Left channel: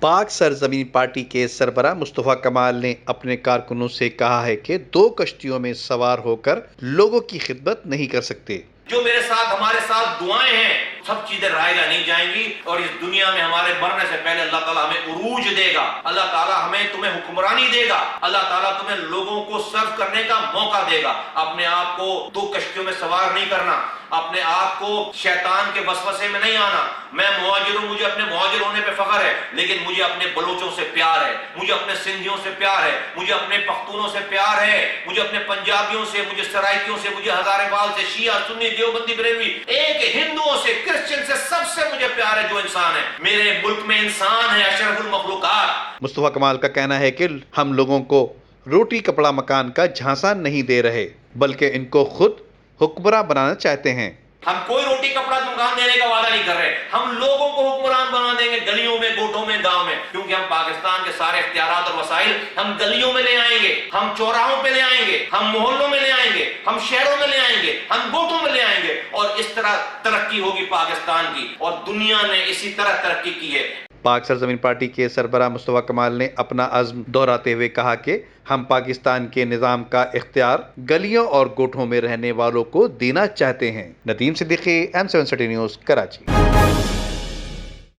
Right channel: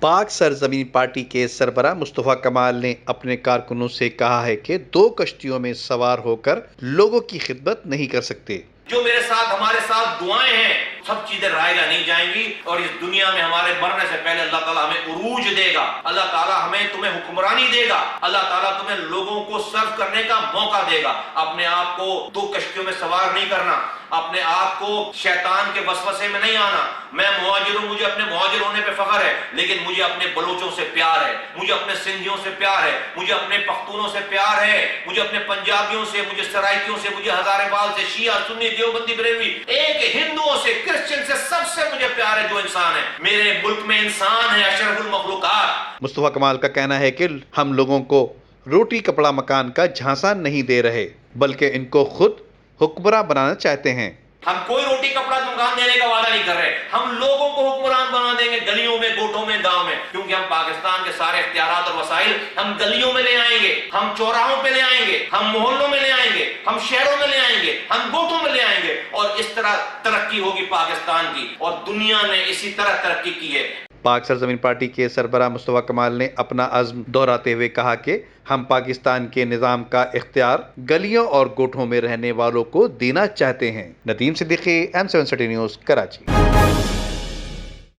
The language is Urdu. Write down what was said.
پاک سرزمین پارٹی کے سربراہ مصطفیٰ کمال نے اپنے کارکنوں سے کہا ہے کہ دو کشتیوں میں سوار ہو کر لوگوں کی خدمت نہیں کر سکتے۔ جو میرے ساتھ ہمارے ساتھ دعائیں ہیں سب چیزیں رائگاں نہیں جائیں گی، اور اس دنیا میں ہمارے مرنے سے پہلے اللہ تعالیٰ ہمیں عروج دے گا، اللہ تعالیٰ ہمیں تمہیں حکمرانی دے گا، اللہ تعالیٰ تمہیں لوگوں کو سرو کرنے کا موقع دے گا۔ اپنے آپ کو دو کشتیوں میں سوار نہیں کرنا، اپنے آپ کو شیطان کے وسوسے میں نہیں آنا۔ میں مہاجر ہوں، مجھے اپنے مہاجر ہونے پہ فخر ہے، لیکن مجھے اپنے بلوچوں سے پیار ہے، مجھے اپنے سندھیوں سے پیار ہے، مجھے اپنے پختونوں سے پیار ہے، مجھے اپنے پنجابیوں سے، مجھے سرائکیوں سے، مجھے ہزارے بال سے، شیعہ سنی دیوبندی بریلوی، ایک ہندوؤں سے، کرسچن سے، سب سے مجھے پیار ہے جو انسان ہے۔ میرے ملک میں انسان ہے اشرف المخلوقات۔ مصطفیٰ کمال کا کہنا ہے کہ ہم لوگوں کو روٹی کپڑا مکان کا جھانسا نہیں دے رہے، بلکہ ان کو خود حکمراں بنانا چاہتے ہیں۔ ہم کوئی روٹی کپڑا مکان دینے کا وعدہ نہیں کر رہے، ہم لوگوں کو حکمران بنا دیں گے، گلیوں میں، گوٹھوں میں، گاؤں میں، کیونکہ ہم پاکستان کے سارے اختیارات اور وسائل ہم گلیوں میں لے آئیں گے، ہم چوراہوں پہ لے آئیں گے، ہم محلوں میں لے آئیں گے، ہم شہروں میں لے آئیں گے، ہم گوٹھوں میں لے آئیں گے، اور اس طرح ترقی ہوگی پاکستان کی، اور دنیا نے اسی طرح ترقی کی ہے۔ پاک سرزمین پارٹی کے سربراہ مصطفیٰ کمال نے اپنا عزم دہراتے ہوئے کہا کہ ہم پاکستان کے نظام کا اختیار گلیوں اور گوٹھوں میں رہنے والوں کو دینا چاہتے ہیں۔ Nadeem Siddiqui, M7 city news, Karachi.